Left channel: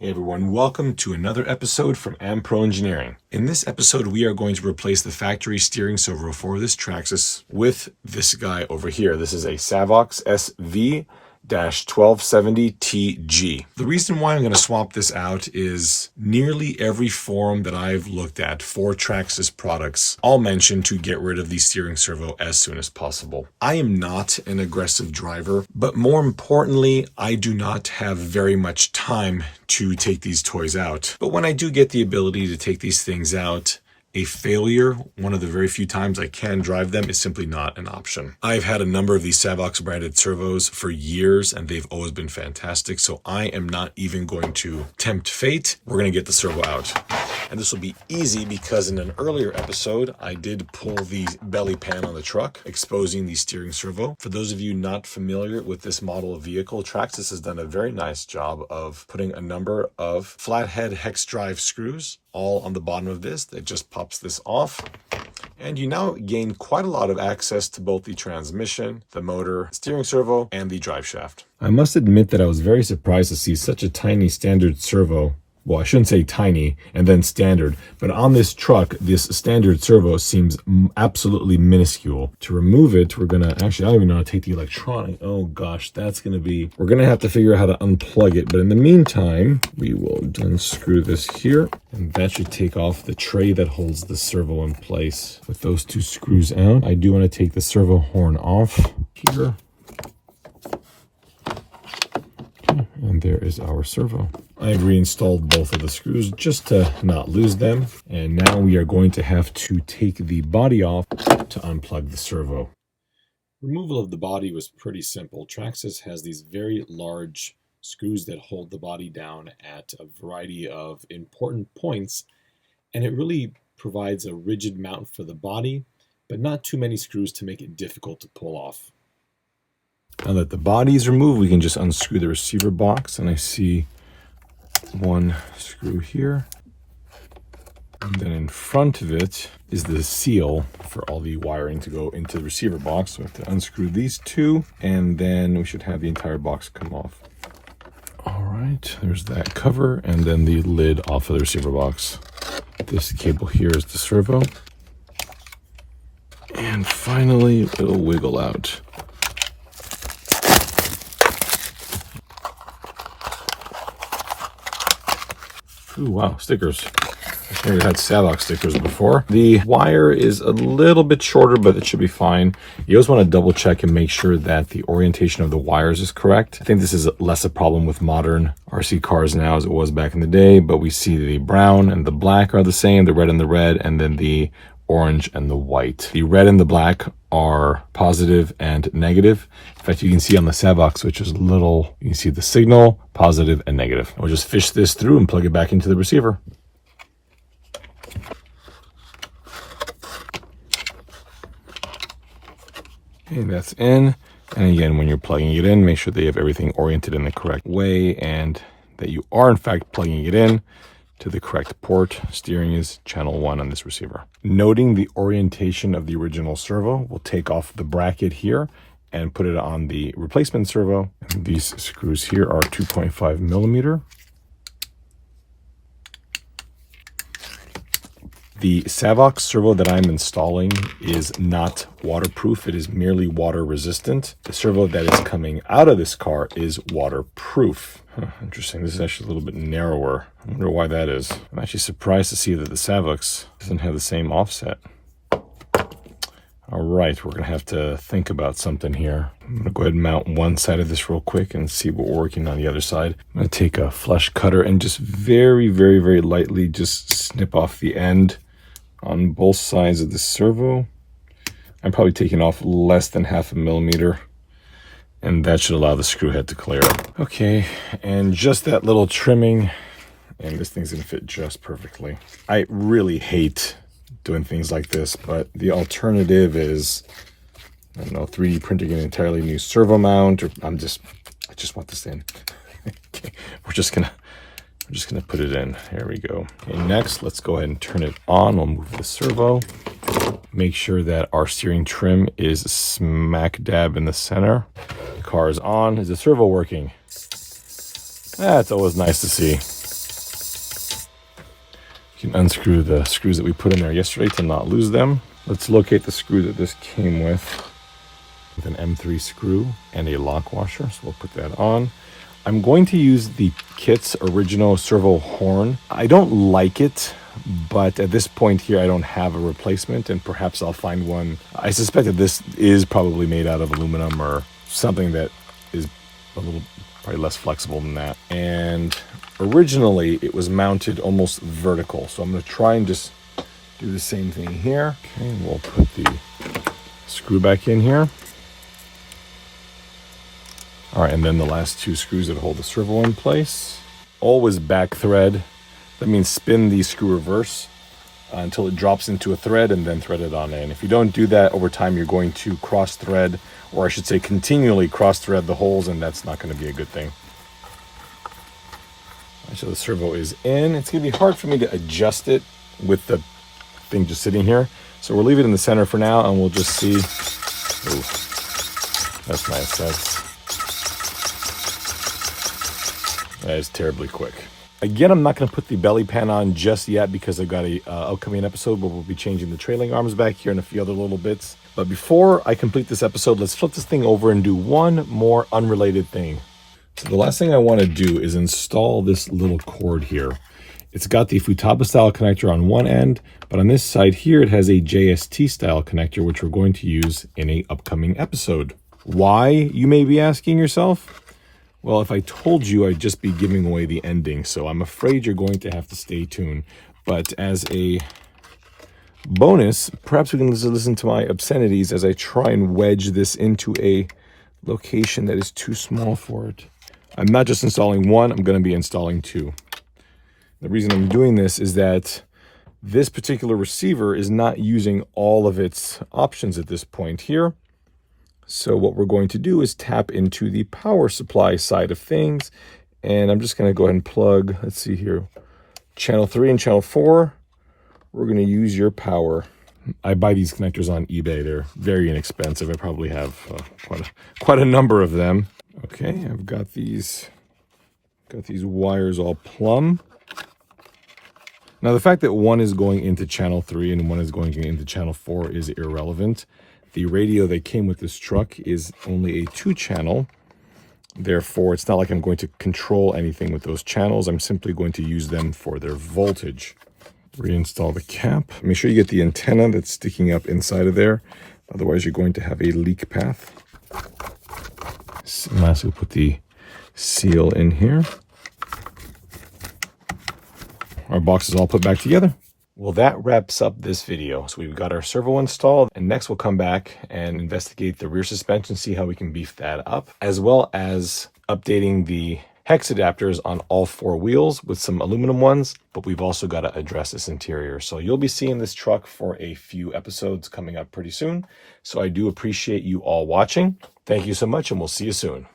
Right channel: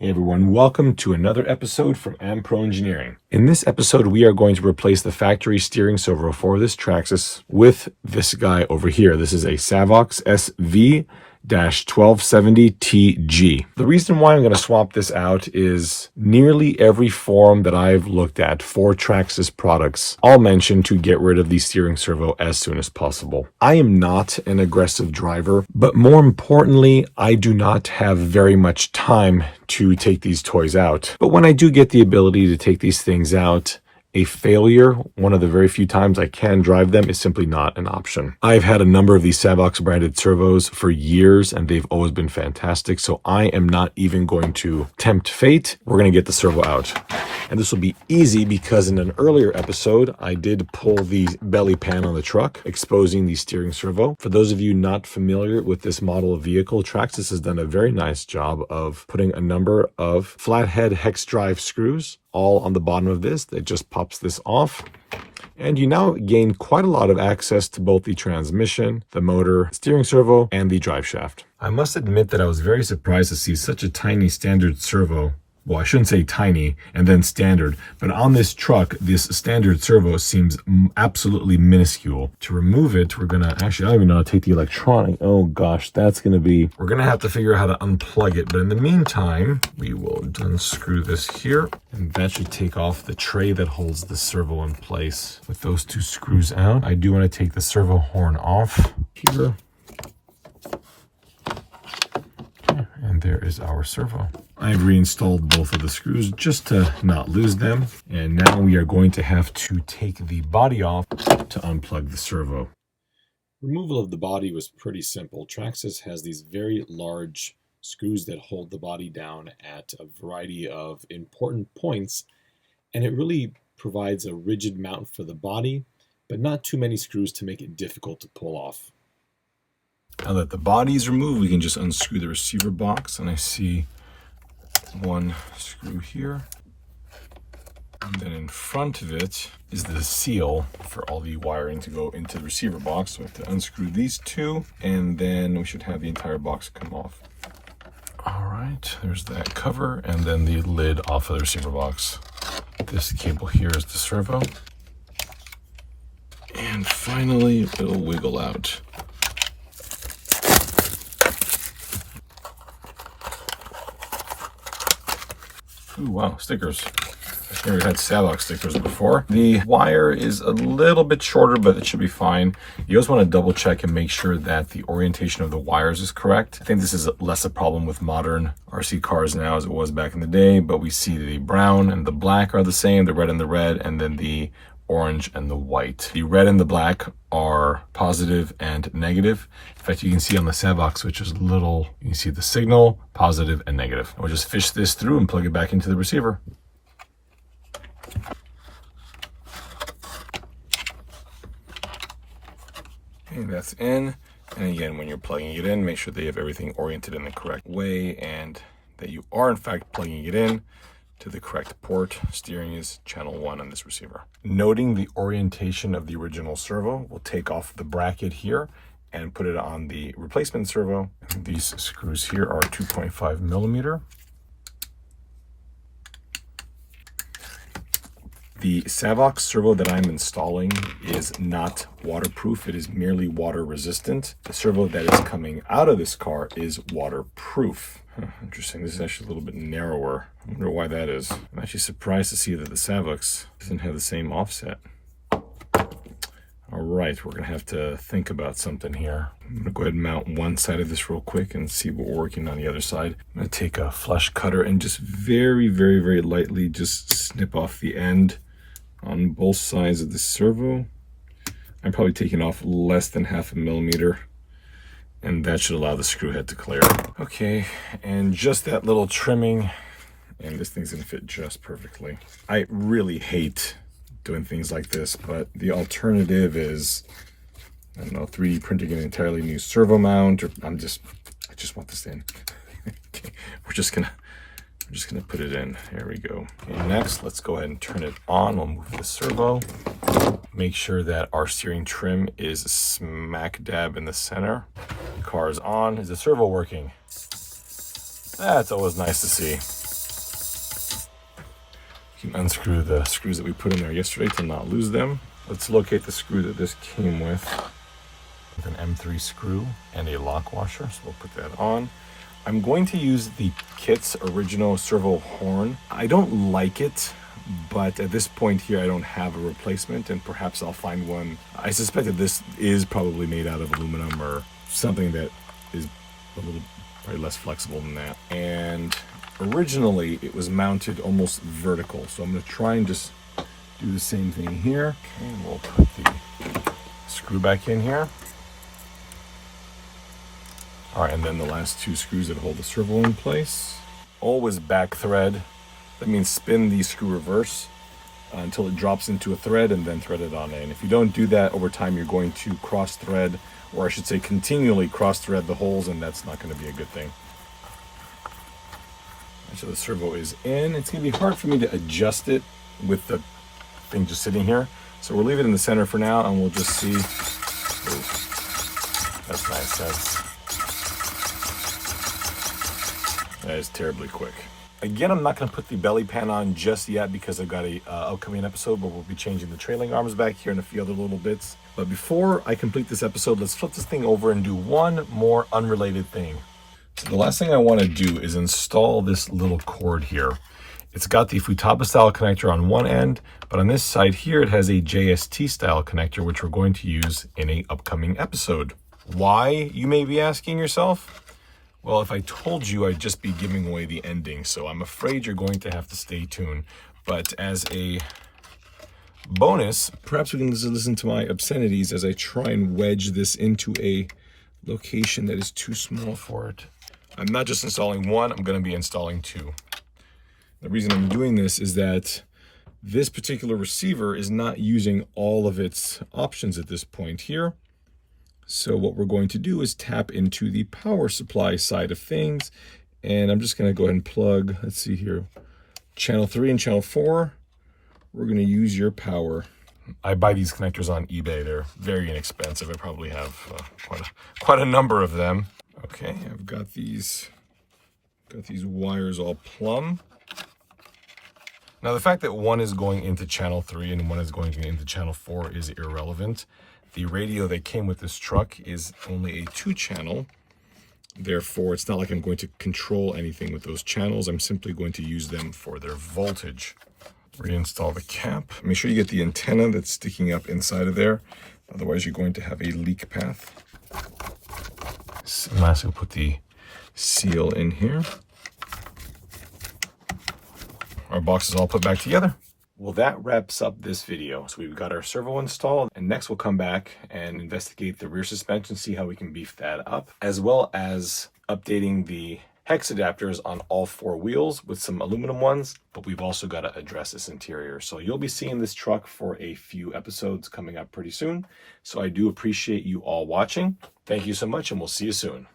Hey everyone, welcome to another episode from Pro Engineering. In this episode, we are going to replace the factory steering servo for this Traxxas with this guy over here. This is a Savox SV-1270TG. The reason why I'm going to swap this out is nearly every forum that I've looked at for Traxxas products all mention to get rid of the steering servo as soon as possible. I am not an aggressive driver, but more importantly, I do not have very much time to take these toys out. But when I do get the ability to take these things out, a failure, one of the very few times I can drive them, is simply not an option. I've had a number of these Savox branded servos for years and they've always been fantastic, so I am not even going to tempt fate. We're going to get the servo out. And this will be easy because in an earlier episode, I did pull the belly pan on the truck, exposing the steering servo. For those of you not familiar with this model of vehicle, Traxxas has done a very nice job of putting a number of flathead hex drive screws all on the bottom of this. That just pops this off. And you now gain quite a lot of access to both the transmission, the motor, steering servo, and the drive shaft. I must admit that I was very surprised to see such a tiny standard servo. Well, I shouldn't say tiny and then standard, but on this truck, this standard servo seems absolutely minuscule. To remove it, we're gonna, actually, I don't even know how to take the electronic. Oh gosh, that's gonna be, we're gonna have to figure out how to unplug it. But in the meantime, we will unscrew this here, and that should take off the tray that holds the servo in place. With those two screws out, I do wanna take the servo horn off here. And there is our servo. I've reinstalled both of the screws just to not lose them. And now we are going to have to take the body off to unplug the servo. Removal of the body was pretty simple. Traxxas has these very large screws that hold the body down at a variety of important points. And it really provides a rigid mount for the body, but not too many screws to make it difficult to pull off. Now that the body is removed, we can just unscrew the receiver box, and I see one screw here. And then in front of it is the seal for all the wiring to go into the receiver box. So we have to unscrew these two, and then we should have the entire box come off. All right, there's that cover, and then the lid off of the receiver box. This cable here is the servo. And finally, it'll wiggle out. Ooh, wow, stickers. I've never had Savox stickers before. The wire is a little bit shorter, but it should be fine. You always want to double check and make sure that the orientation of the wires is correct. I think this is less a problem with modern RC cars now as it was back in the day, but we see the brown and the black are the same, the red and the red, and then the orange and the white. The red and the black are positive and negative. In fact, you can see on the Savox, which is little, you can see the signal, positive and negative. We'll just fish this through and plug it back into the receiver. Okay, that's in. And again, when you're plugging it in, make sure that you have everything oriented in the correct way and that you are in fact plugging it in to the correct port. Steering is channel 1 on this receiver. Noting the orientation of the original servo, we'll take off the bracket here and put it on the replacement servo. These screws here are 2.5 millimeter. The Savox servo that I'm installing is not waterproof. It is merely water resistant. The servo that is coming out of this car is waterproof. Interesting. This is actually a little bit narrower. I wonder why that is. I'm actually surprised to see that the Savox doesn't have the same offset. All right, we're gonna have to think about something here. I'm gonna go ahead and mount one side of this real quick and see what we're working on the other side. I'm gonna take a flush cutter and just very, very, very lightly just snip off the end on both sides of the servo. I'm probably taking off less than 0.5 millimeter, and that should allow the screw head to clear. Okay, and just that little trimming, and this thing's gonna fit just perfectly. I really hate doing things like this, but the alternative is, I don't know, 3D printing an entirely new servo mount, or I just want this in. Okay, we're just gonna put it in. There we go. Okay, next, let's go ahead and turn it on. We'll move the servo. Make sure that our steering trim is smack dab in the center. The car is on. Is the servo working? That's always nice to see. You can unscrew the screws that we put in there yesterday to not lose them. Let's locate the screw that this came with an M3 screw and a lock washer. So we'll put that on. I'm going to use the kit's original servo horn. I don't like it, but at this point here, I don't have a replacement, and perhaps I'll find one. I suspect that this is probably made out of aluminum or something that is a little probably less flexible than that. And originally it was mounted almost vertical. So I'm going to try and just do the same thing here. Okay, we'll put the screw back in here. All right, and then the last two screws that hold the servo in place. Always back thread. That means spin the screw reverse until it drops into a thread and then thread it on in. If you don't do that over time, you're going to cross thread, or I should say continually cross thread the holes, and that's not going to be a good thing. So the servo is in. It's going to be hard for me to adjust it with the thing just sitting here. So we'll leave it in the center for now, and we'll just see. Ooh, that's nice. That is terribly quick. Again, I'm not going to put the belly pan on just yet because I've got a upcoming episode where we'll be changing the trailing arms back here and a few other little bits. But before I complete this episode, let's flip this thing over and do one more unrelated thing. So the last thing I want to do is install this little cord here. It's got the Futaba style connector on one end, but on this side here, it has a JST style connector, which we're going to use in an upcoming episode. Why, you may be asking yourself? Well, if I told you, I'd just be giving away the ending, so I'm afraid you're going to have to stay tuned. But as a bonus, perhaps we can listen to my obscenities as I try and wedge this into a location that is too small for it. I'm not just installing one, I'm going to be installing two. The reason I'm doing this is that this particular receiver is not using all of its options at this point here. So what we're going to do is tap into the power supply side of things. And I'm just going to go ahead and plug, let's see here, channel 3 and channel 4. We're going to use your power. I buy these connectors on eBay. They're very inexpensive. I probably have quite a number of them. Okay, I've got these wires all plumb. Now the fact that one is going into channel 3 and one is going into channel 4 is irrelevant. The radio that came with this truck is only a 2-channel. Therefore, it's not like I'm going to control anything with those channels. I'm simply going to use them for their voltage. Reinstall the cap. Make sure you get the antenna that's sticking up inside of there. Otherwise, you're going to have a leak path. So lastly, we'll put the seal in here. Our box is all put back together. Well, that wraps up this video. So we've got our servo installed, and next we'll come back and investigate the rear suspension, see how we can beef that up, as well as updating the hex adapters on all 4 wheels with some aluminum ones. But we've also got to address this interior. So you'll be seeing this truck for a few episodes coming up pretty soon. So I do appreciate you all watching. Thank you so much, and we'll see you soon.